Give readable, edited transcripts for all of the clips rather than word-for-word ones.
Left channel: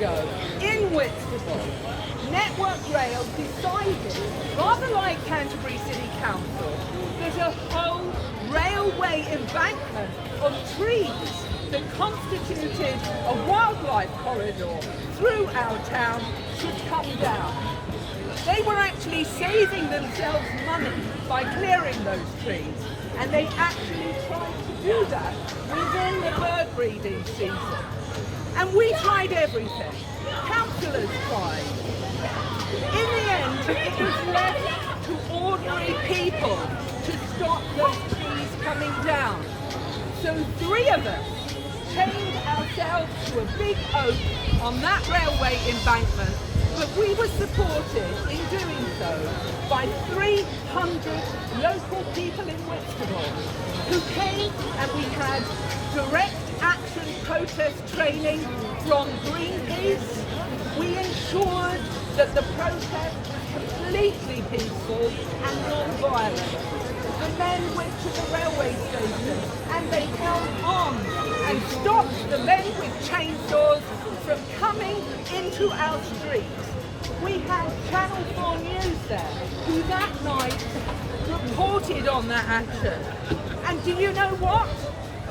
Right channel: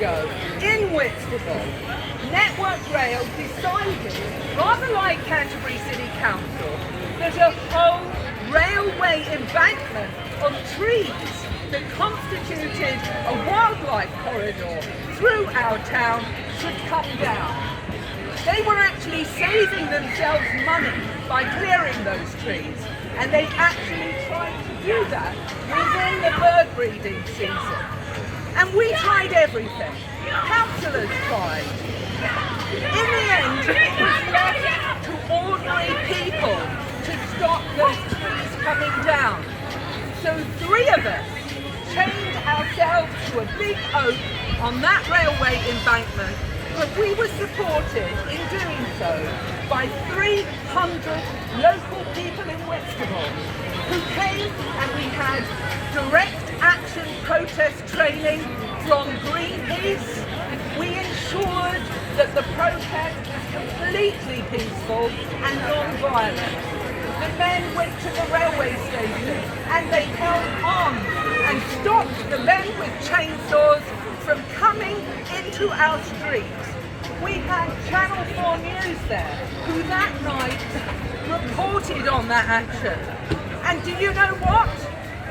ago, in Whitstable, Network Rail decided, rather like Canterbury City Council, that a whole railway embankment of trees that constituted a wildlife corridor through our town should come down. They were actually saving themselves money by clearing those trees, and they actually tried to do that within the bird breeding season. And we tried everything. Councillors tried. In the end, it was left to ordinary people to stop those trees coming down. So 3 of us chained ourselves to a big oak on that railway embankment, but we were supported in doing so by 300 local people in Whitstable who came, and we had direct action protest training from Greenpeace. We ensured that the protest was completely peaceful and non-violent. The men went to the railway station and they held on and stopped the men with chainsaws from coming into our streets. We had Channel 4 News there, who that night reported on that action. And do you know what?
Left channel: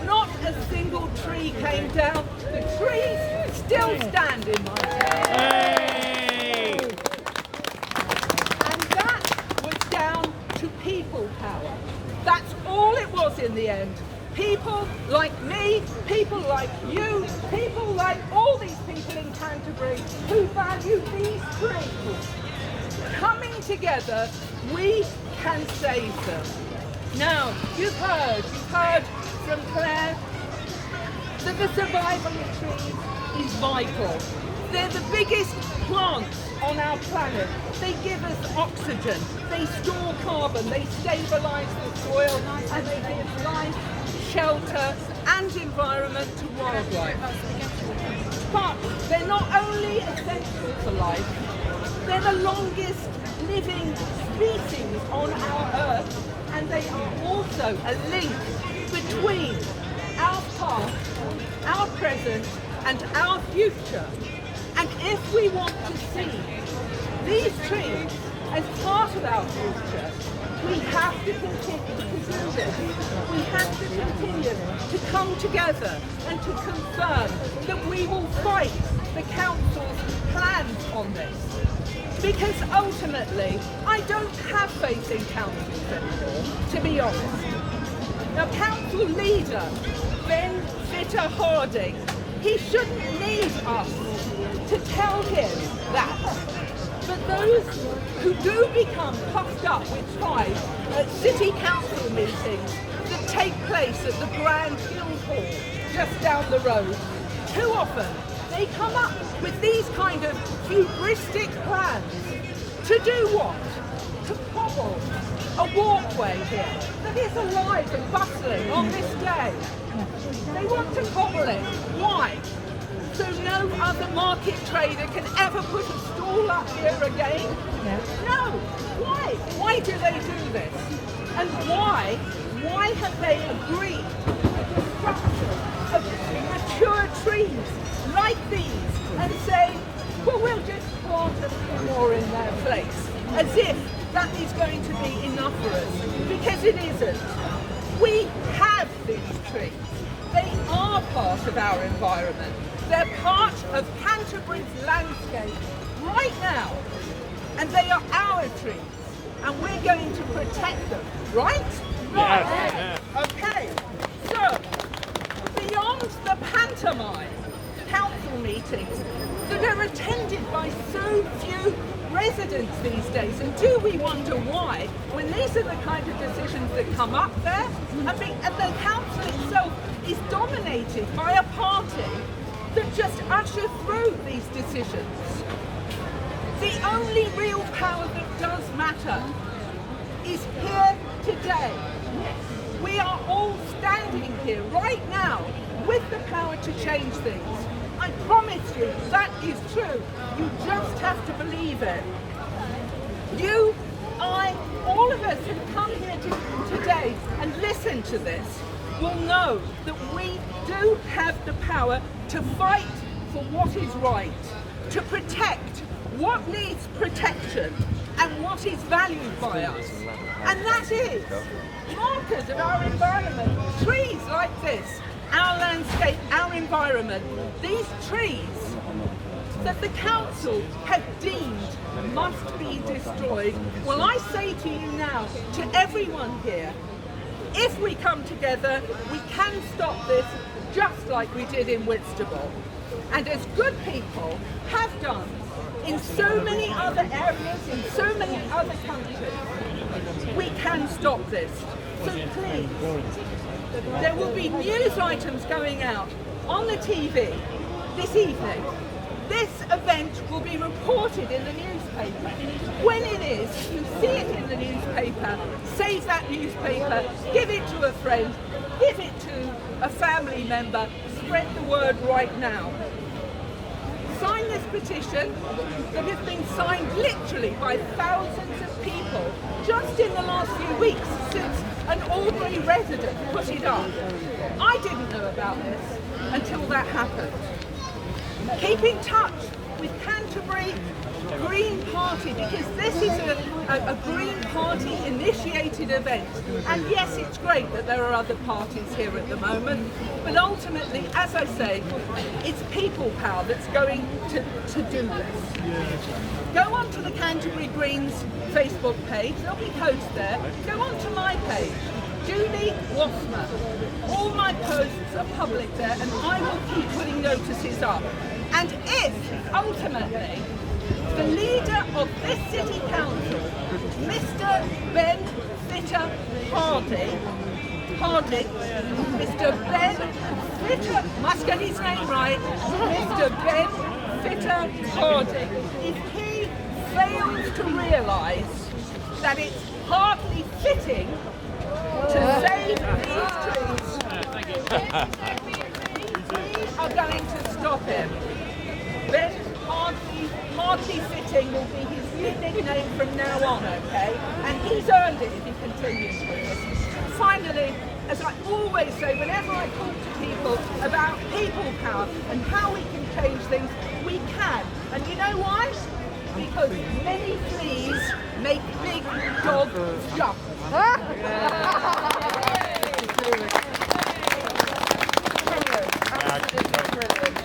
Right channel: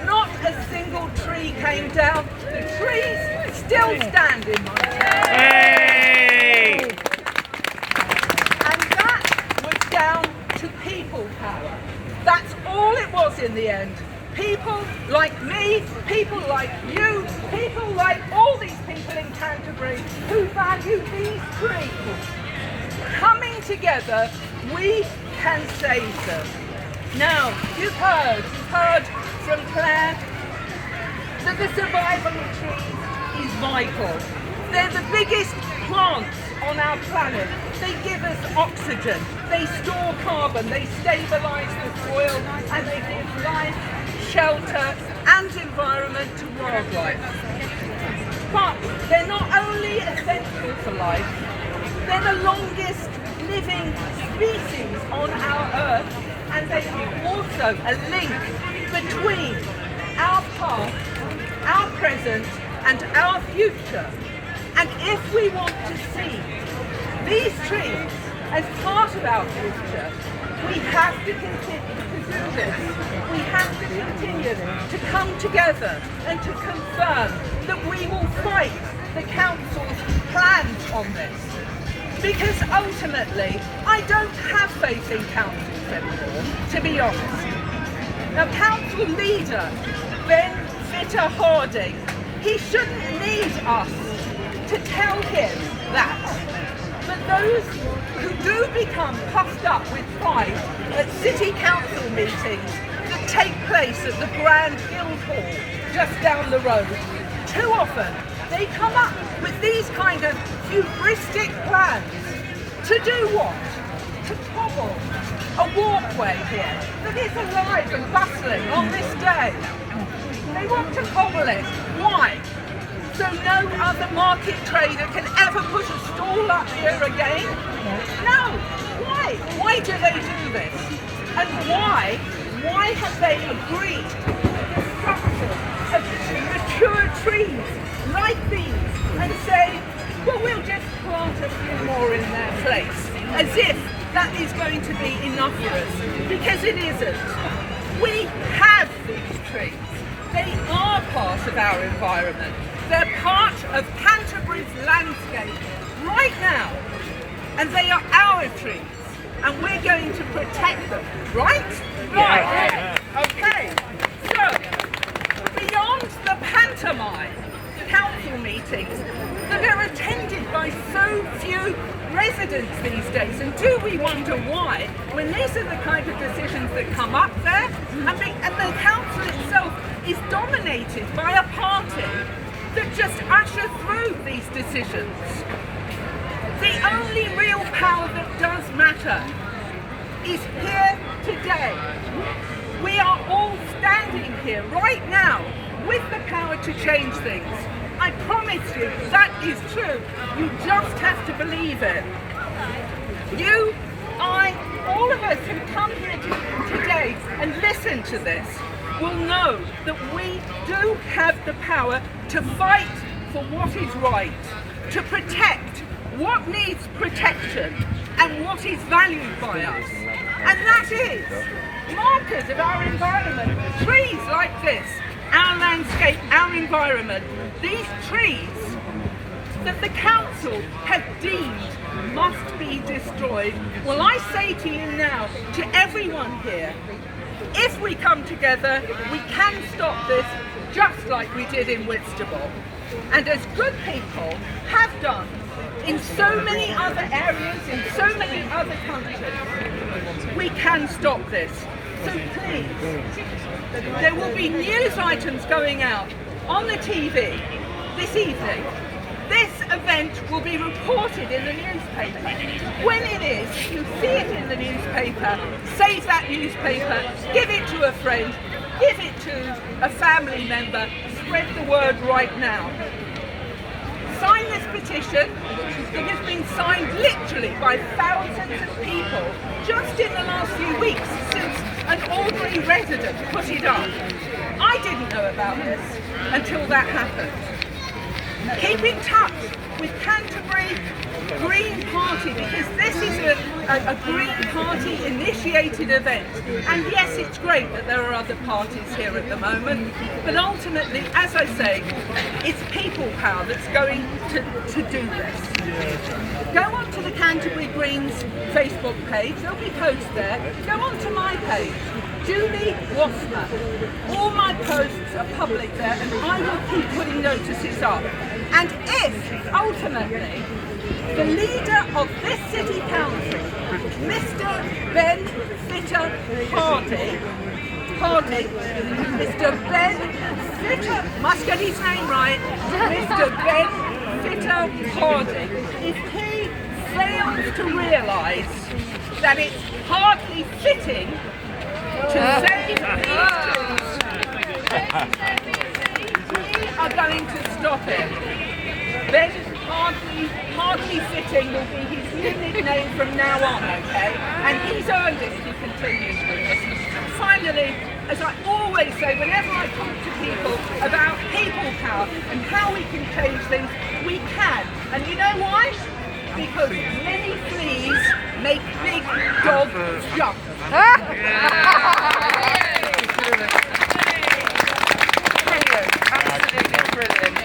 Not a single tree came down. The trees still stand in my town. Hey! And that was down to people power. That's all it was in the end. People like me, people like you, people like all these people in Canterbury who value these trees. Coming together, we can save them. Now, you've heard from Claire that the survival of trees is vital. They're the biggest plants on our planet. They give us oxygen, they store carbon, they stabilise the soil, and they give life, shelter and environment to wildlife. But they're not only essential for life, they're the longest living species on our Earth, and they are also a link between our past, our present and our future. And if we want to see these trees as part of our future, we have to continue to do this. We have to continue to come together and to confirm that we will fight the council's plans on this. Because ultimately, I don't have faith in councils anymore, to be honest. Now, council leader, Ben Fitter-Harding, he shouldn't need us to tell him that. But those who do become puffed up with pride at city council meetings that take place at the Grand Guildhall just down the road, too often they come up with these kind of hubristic plans. To do what? To cobble a walkway here that is alive and bustling on this day. They want to cobble it. Why? So no other market trader can ever put a stall up here again? No. Why? Why do they do this? And why have they agreed to the destruction of mature trees like these and say, well, we'll just plant a few more in their place, as if that is going to be enough for us? Because it isn't. We have these trees. They are part of our environment. They're part of Canterbury's landscape right now. And they are our trees. And we're going to protect them, right? Right. Yeah. Okay. So, beyond the pantomime council meetings that are attended by so few residents these days, and do we wonder why, when these are the kind of decisions that come up there, and the council itself is dominated by a party that just usher through these decisions. The only real power that does matter is here today. We are all standing here right now with the power to change things. I promise you that is true. You just have to believe it. You, I, all of us who come here today and listen to this will know that we do have the power to fight for what is right, to protect what needs protection and what is valued by us. And that is markers of our environment. Trees like this, our landscape, our environment, these trees that the council have deemed must be destroyed. Well, I say to you now, to everyone here, if we come together, we can stop this just like we did in Whitstable. And as good people have done in so many other areas, in so many other countries, we can stop this. So please, there will be news items going out on the TV this evening. This event will be reported in the newspaper. When it is, you see it in the newspaper, save that newspaper, give it to a friend, give it to a family member, spread the word right now. Sign this petition that has been signed literally by thousands of people just in the last few weeks since an Albury resident put it up. I didn't know about this until that happened. Keep in touch with Canterbury Green Party, because this is a Green Party initiated event. And yes, it's great that there are other parties here at the moment, but ultimately, as I say, it's people power that's going to do this. Go on to the Canterbury Greens Facebook page, there'll be posts there. Go on to my page, Julie Wassner. All my posts are public there, and I will keep putting notices up. And if, ultimately, the leader of this city council, Mr. Ben Fitter Hardy, Mr. Ben Fitter, must get his name right, Mr. Ben Fitter Hardy, if he fails to realise that it's hardly fitting to save these trees, we are going to stop him. Then hardly fitting will be his new nickname from now on, okay? And he's earned it if he continues with this. And finally, as I always say, whenever I talk to people about people power and how we can change things, we can. And you know why? Because many fleas make big dogs jump. Brilliant, absolutely brilliant.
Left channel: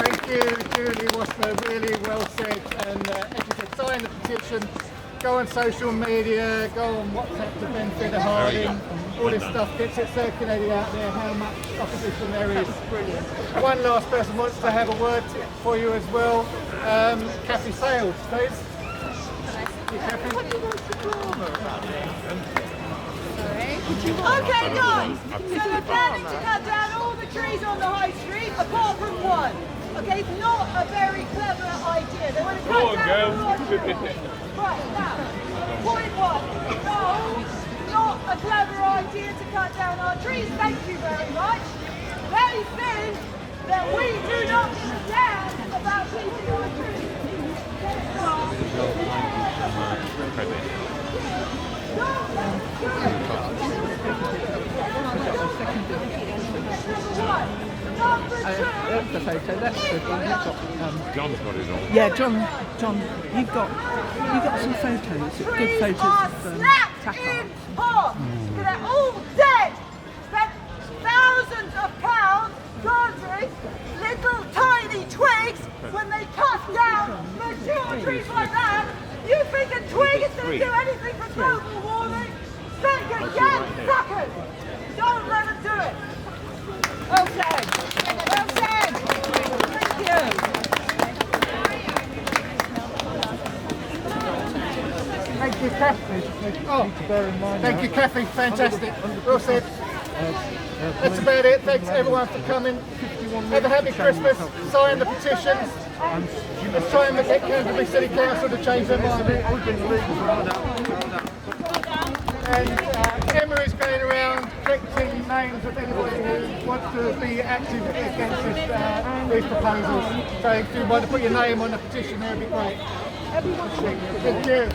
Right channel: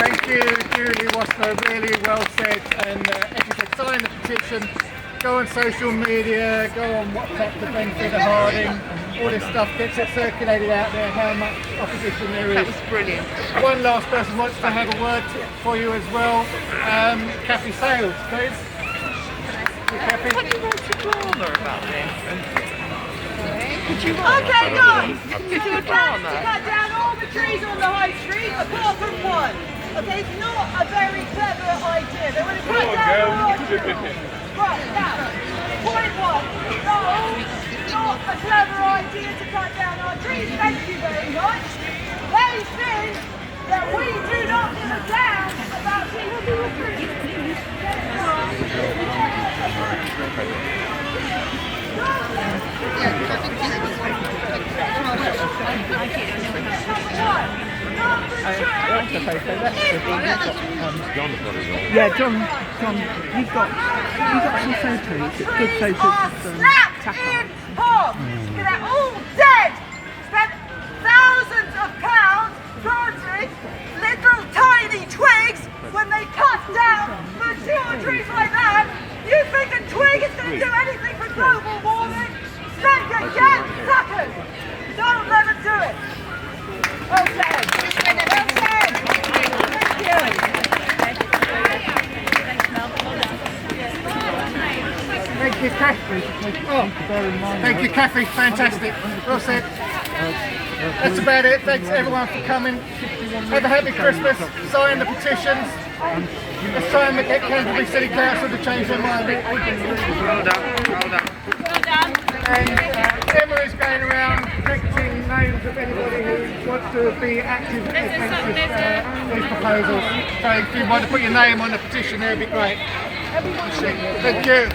Thank you, Julie Wassner, really well said. And as you said, sign the petition, go on social media, go on WhatsApp to Ben Fitter Harding, all this stuff gets it circulated out there, how much opposition there is. That's brilliant. One last person wants to have a word for you as well. Kathy Sales, please. Kathy. Okay, guys, so we're planning to cut down all the trees on the high street apart from one. Okay, it's not a very clever idea. They want to cut down all the trees. Right, now, point one. No, not a clever idea to cut down our trees. Thank you very much. That means that we do not give a damn about people who are trees. John's got it all. Yeah, John, you've got some photos, good photos of Tackle. They're all dead! Spent thousands of pounds planting little tiny twigs when they cut down mature trees like that. You think a twig is going to do anything for global warming? Think again, suckers! Don't let them do it! Well said! Well said! Thank you! Thank you, Kathy. Oh, thank you, Kathy. Fantastic. Well said. That's about it. Thanks everyone for coming. Have a happy Christmas. Sign the petitions. Let's try and get Canterbury City Council to change their mind. Well done. And Emma is going around collecting names of anybody who wants to be active against these proposals. So if you want to put your name on the petition, that would be great. Thank you.